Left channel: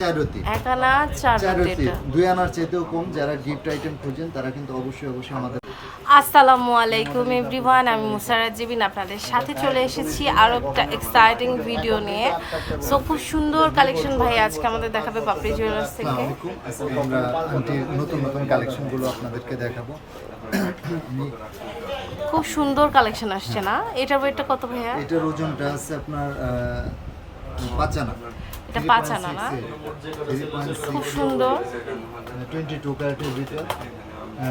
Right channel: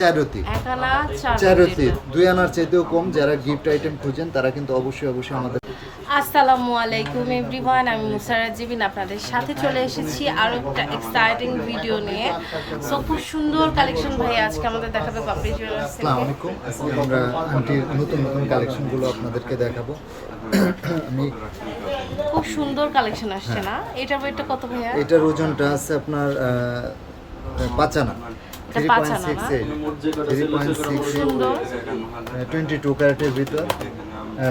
চারতি। এক আনা চার চারতি দুই আনার চাইতেও কম যারা গিফট আইটেম খোঁজেন তারা কিন্তু অবশ্যই অবশ্যই আমাদের আসসালামু আলাইকুম এভরিওয়ান আমি মুসারাত জিবিন আপনাদের সাথে চলে এসেছি আরও একটা এক্সাইটিং ভিডিও নিয়ে। সো খুব সুন্দর কালেকশন ভাই আজকে আমাদের দেখাবে পাপড়ি জুয়েলার্স আসসালামু আলাইকুম আজকে আমরা আন্টির নতুন নতুন কালেকশনগুলো আপনাদেরকে দেখাবো। আমি খুব সুন্দর কালেকশন আসছে না? এটার ওয়েটটা কত ভাইয়া? এটার ওজনটা আছে আপনার পাঁচানা এটা পাঁচ আনা না? খুব সুন্দর। টোয়েন্টি টু ক্যারেটের ভিতর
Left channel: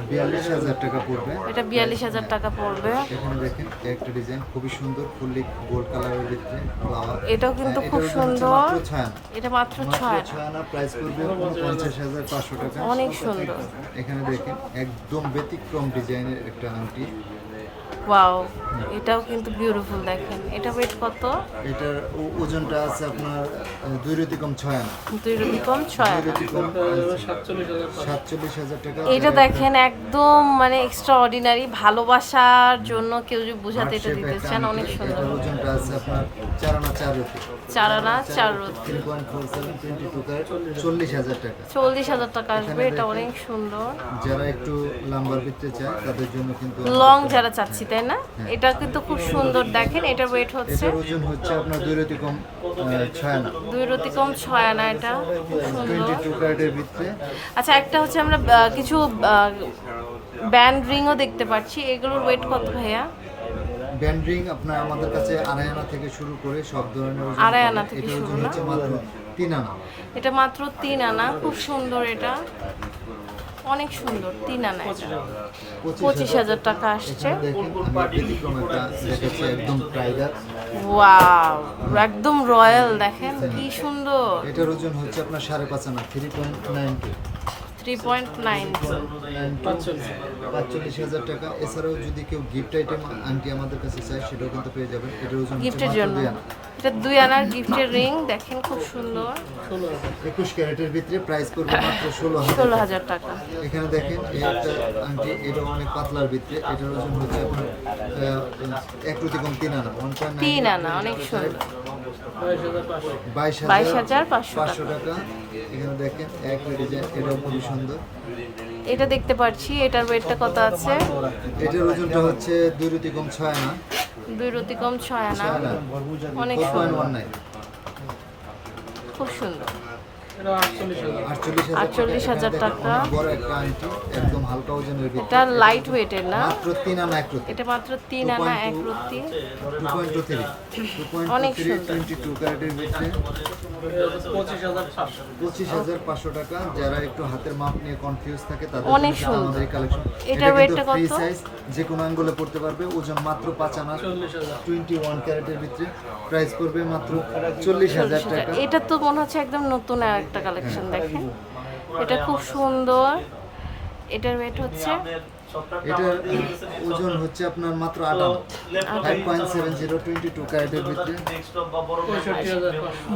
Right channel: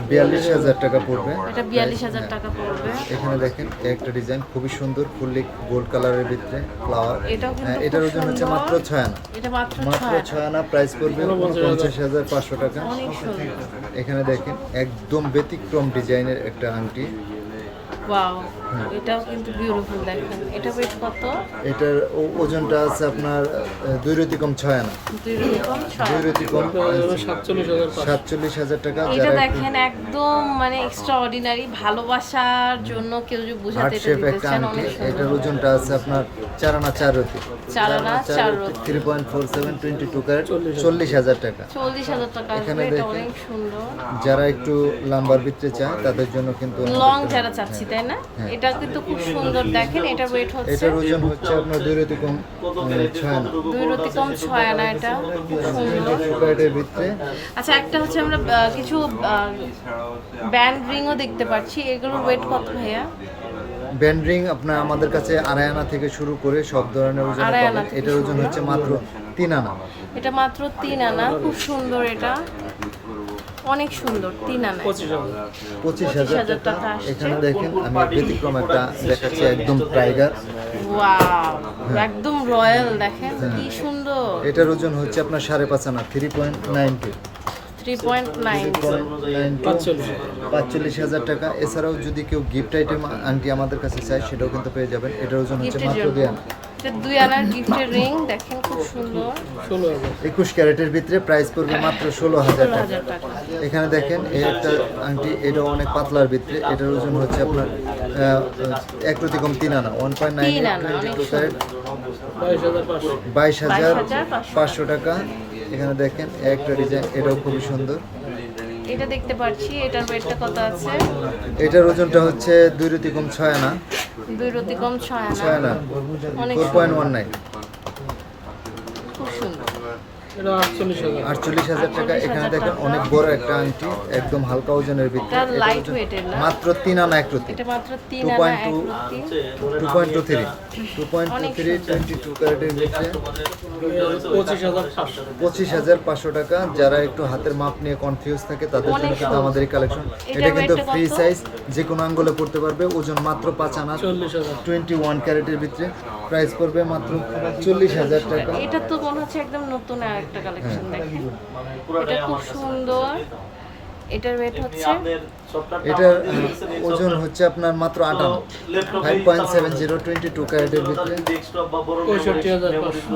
বিয়াল্লিশ হাজার টাকা পড়বে। এটা বিয়াল্লিশ হাজার টাকা পড়বে। এখানে দেখেন একটা ডিজাইন খুবই সুন্দর ফুললি গোল্ড কালারের ভিতরে ফ্লাওয়ার এটাও কিন্তু এটার খুব ওজন হচ্ছে মাত্র ছয় আনা। এটা মাত্র মাত্র ছয় আনা প্রাইস উনপঞ্চাশ হাজার পাঁচশো টাকা। অনেক সুন্দর। এখানে দেখেন একদম ব্যতিক্রম ডিজাইনের একটা আংটি। ওয়াও এটাও কিন্তু বিউটিফুল দেখেন। এটা ওয়েট কত? এটার ওজনটা আছে আপনার দুই রতিকম ছয় আনা দুই সাতচল্লিশ হাজার টাকা। এটা দেখেন একদম মানে এক্সট্রা অর্ডিনারি ভালোবাসার জন্য কেউ যদি বুঝাতে এটা দিতেছেন অনেক সুন্দর। এটার ওজনটা আছে আপনার চার আনা চার রতি চার আনা চার রতি three point four seven twenty two carat চল্লিশ হাজার টাকা। চল্লিশ হাজার টাকা এখানে অনেক সুন্দর। যারা একটু লাম্বার ভিতরে চায় তাদের জন্য কিন্তু লং যারা চাচ্ছি তাই না? হ্যাঁ। এটা কিন্তু খুব সুন্দর দেখেন এটা ওয়েট হচ্ছে। এটার ওজন হচ্ছে আপনার দুই রতি কম ছয় আনা দুই রতি কম ছয় আনা এটা খুব সুন্দর। টোয়েন্টি টু ক্যারেটের ভিতরে। আচ্ছা একটা হচ্ছে আমরা কিছু ব্যান্ড রিংও দেখতে পাচ্ছি। এগুলোর ওয়েট কত ভাইয়া? ব্যান্ডরিং আপনার আমাদের কাছে আড়াই আনা থেকে শুরু করে সব ধরনের ওজন আনা এটার ওজন হচ্ছে মাত্র তিন আনা এটা মাত্র তিন আনা খুব সুন্দর এটা। অনেক সুন্দর তিন আনা পঁচিশ হাজার টাকা। আসছে। এখানে দেখেন আমি ব্যতিক্রম একটা দেখাচ্ছি একদম টাইগার। ওয়াও একদম রয়্যাল দেখেন হ্যাঁ। কি সুন্দর। এটার ওজন হচ্ছে আপনার সাড়ে পাঁচ আনা three point ninety three point nine পাঁচচল্লিশ হাজার টাকা। এছাড়াও যদি কেউ গিফট আইটেম আংটি আমাদের কাছে চায় সেটাও কিন্তু পেয়ে যাবেন। এটার ওজন হচ্ছে মাত্র দুই আনা এটা দুই আনার গিফটের রিং দেখেন খুব সুন্দর। একুশ ক্যারেটের ভিতরে প্রাইস পড়বে মাত্র ষোলো হাজার ষোলো টাকা। এখানে দেখেন এই একটা আংটি এটা অনেক পাতলার ভিতরে এটার ওজন হচ্ছে আপনার এক প্রতি কম তিন আনা ওয়ান পয়েন্ট নাইন তিন আনা, অনেক সুন্দর। বাইশ হাজার 22,500 পাঁচশো। টাকা। এখানে দেখেন একটা ডিজাইন এটাও খুবই সুন্দর। এটা দেখতে পাচ্ছি এটার ওয়েটটা কত আছে? এটার ওজনটা হচ্ছে দুই রতি কম ছয় আনা। দুই রতি কম ছয় আনা। অনেক খুব সুন্দর। আটচল্লিশ হাজার। টাকা 48,000 এখানে দেখেন অনেক বড় একটা আংটি একদম হালকা ওজনের এটা ভিতরে মাত্র তিন আনা এক রতি। এটা মাত্র তিন 2.2 আনা এক রতি। Two point two three two point two three twenty two ক্যারেটের ভিতরে। পঁচিশ হাজার পাঁচশো টাকা। যারা একটু হাতের মাপ নিয়ে কনফিউজ থাকে তাদের জন্য কিন্তু আমাদের এই কালেকশন এটা কিন্তু ফ্রি সাইজ যে কোনো আঙ্গুলে পড়তে পারবে। ওজন মাত্র পাঁচ আনা। টোয়েন্টি ওয়ান ক্যারেটের ভিতরে। প্রাইস পড়বে মাত্র চল্লিশ হাজার টাকা। এটা তো মনে হচ্ছে একদম নতুন একটা কালেকশন দেখেন। এটা খুব সুন্দর। এটার ওয়েট হচ্ছে এটার ওজন হচ্ছে আপনার মাত্র আট আনা। Five point seven zero twenty two ক্যারেটের ভিতরে।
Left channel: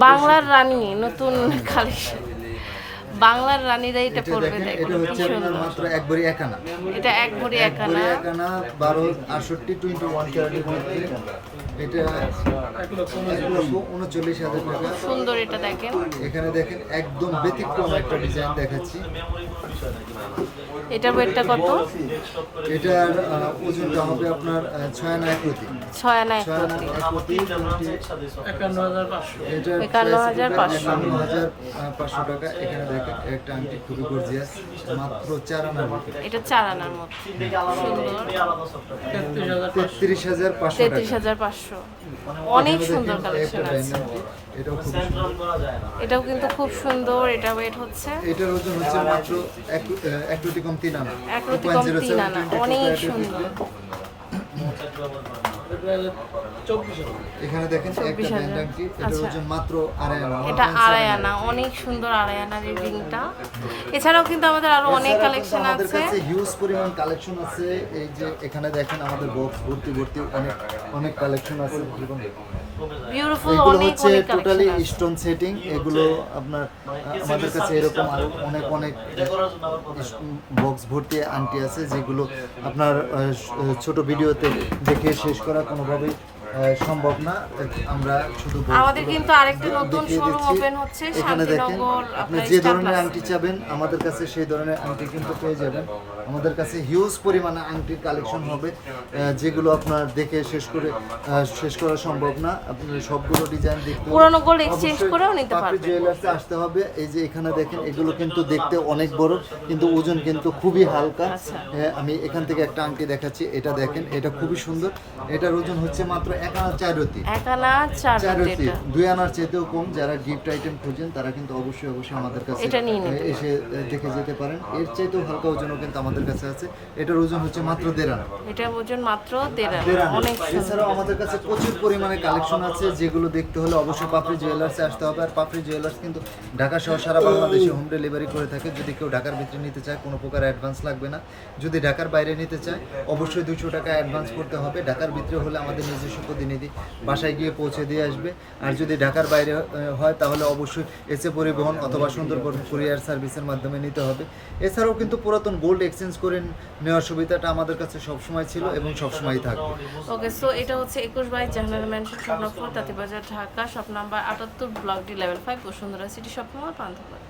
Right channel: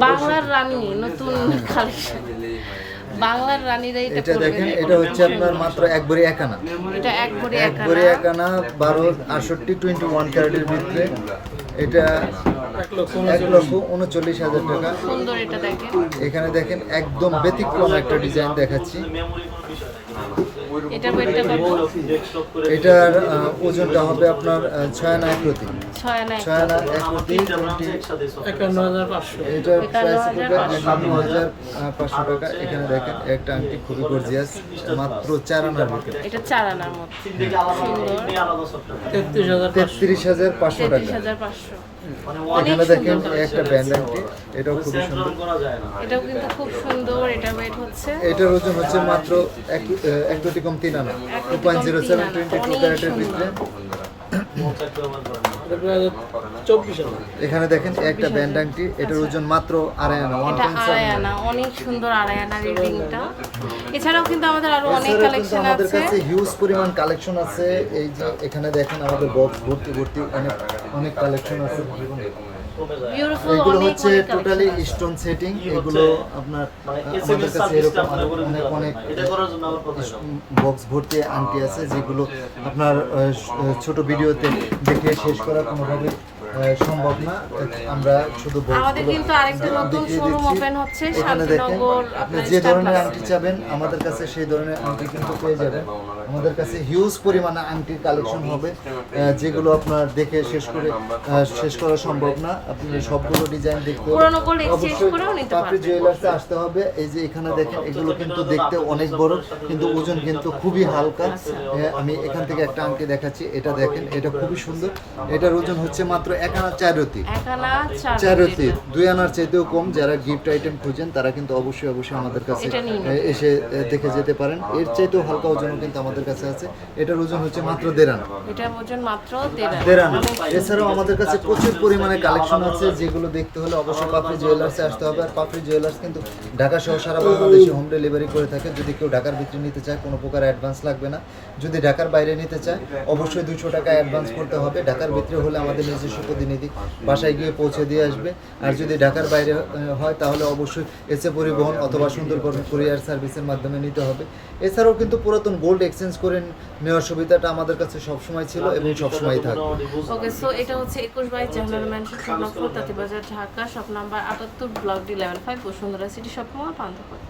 বাংলার রানী নতুন কালেকশন বাংলার রানীরা এটা এটা দেখেন এটা হচ্ছে আপনার মাত্র এক ভরি এক আনা। এটা এক ভরি এক এক ভরি আনা। এক আনা বারো আটষট্টি টোয়েন্টি ওয়ান ক্যারেটের ভিতরে। এটা এক লক্ষ উনচল্লিশ হাজার টাকা। সুন্দর এটা দেখেন। এখানে দেখেন একদম ব্যতিক্রম একটা ডিজাইন দেখাচ্ছি। এটার ওয়েটটা কত? এটার ওজনটা হবে আপনার ছয় আনা এক ছয় আনা এটার প্রাইস একান্ন হাজার পাঁচশো টাকা। এখানে দেখেন একটা আংটি খুবই গর্জিয়াস মাত্র চার আনার ভিতরে এটা চার আনার মতো। সুন্দর। তেত্রিশ হাজার পাঁচশো। তেত্রিশ টাকা। হাজার পাঁচশো। অনেক এখানে দেখেন একটা কালেকশন ব্যান্ড আংটি এটাও খুবই সুন্দর। এটাও কিন্তু খুব সুন্দর এটা ওয়েট হচ্ছে। এটার ওজন হচ্ছে মাত্র এক কম তিন আনা। Two point zero seven twenty two অনেক ক্যারেটের সুন্দর। ভিতরে। এখানে দেখেন একটা ব্যান্ড আংটি এটার ওজন মাত্র আড়াই আনা ওয়ান পয়েন্ট আড়াই আনা। অনেক সুন্দর আড়াই আনার এই রিংটা এছাড়াও কিন্তু আমাদের আরও অনেক কালেকশন আমাদের আছে। কাছে হিউজ পরিমাণ কালেকশন আছে। এই যে এখানে দেখেন আমাদের বক্স ভর্তি ভর্তি অনেক অনেক কালেকশন আছে। এগুলো অনেক হচ্ছে টোটালি স্টোন সেটিং এগুলো আপনার আমাদের কাছে এরকম অনেক অনেক বক্স ভর্তি আংটি আছে যেগুলো আপনার আহ, ছোট ভিডিওতে দেখে শেষ করা কোনোভাবে সম্ভব না। আমরা শুধু আমাদের কিন্তু আরেকটা নতুন শোরুম ওপেন হচ্ছে শান্তিনগর আপনার যে ধরনের আংটি চাবেন আমাদের কাছে সেই ধরনের আংটি কিন্তু পেয়ে যাবেন। আমাদের কাছে হিউজ পরিমাণে আংটির কালেকশন হবে। যেগুলো আপনার দেখে শেষ করে শেষ করা সম্ভব না। আপনি সবগুলো ডিজাইন দেখতে gold অবশ্যই করেও নিতে পাপড়ি। জুয়েলার্সে আসতে হবে। এই যে এখানে দেখেন এগুলো কিন্তু দেখতে অনেক বড় কিন্তু ওজন কিন্তু খুবই হালকা। আচ্ছা। হ্যাঁ, আমি এখান থেকে একটা আংটি দেখাচ্ছি। এটা দেখেন এটা খুবই সুন্দর। এটার ওজন হচ্ছে মাত্র এক আনা চার রতি। চার চার রতি রতি দুই আনার চাইতেও কম। যারা গিফট আইটেম খুঁজেন তারা কিন্তু অবশ্যই অবশ্যই আমাদের কাছে এসে দেখে যেতে পারেন। এর চাইতেও হালকা ওজনও কিন্তু আমাদের কাছে আছে। এটার ওজন হচ্ছে মাত্র দেড় আনা। এটার ওজন মাত্র দেড় আনা। এছাড়াও আমাদের কাছে প্রচুর পরিমাণে কালেকশন আছে। যেগুলো দেখতে হলে অবশ্যই পাপড়ি জুয়েলার্সে আসতে হবে। আর পাপড়ি জুয়েলার্স কিন্তু ঢাকা সহ সারা বাংলাদেশে হোম ডেলিভারি করে থাকে। যদি কেউ ঢাকার ভিতরে নিতে চায় কোনো প্রকার অ্যাডভান্স লাগবে না। যদি ঢাকার বাইরে নিতে চায় অবশ্যই দুইশো টাকা অ্যাডভান্স করতে হবে। ঢাকার ভিতরে হলে আমাদের নিজস্ব প্রতিনিধি বাসায় গিয়ে পৌঁছে দিয়ে আসবে। আর যদি ঢাকার বাইরে হয় তাহলে অবশ্যই এসে পরিবহন অথবা সুন্দরবন কুরিয়ার সার্ভিসের মাধ্যমে নিতে হবে। এছাড়াও কিন্তু পুরাতন গোল্ড এক্সচেঞ্জ করে নেওয়ার সুবিধাটা আমাদের কাছে সবসময় ছিল এবং সবসময়ই থাকবে। ওকে সো এটা হচ্ছে একুশ বাইশ Jahanara mansion Swapnapur, Tantibazar, Dhaka, shop number আটাত্তর, block D level five Bashundhara city shop mall Panthapath.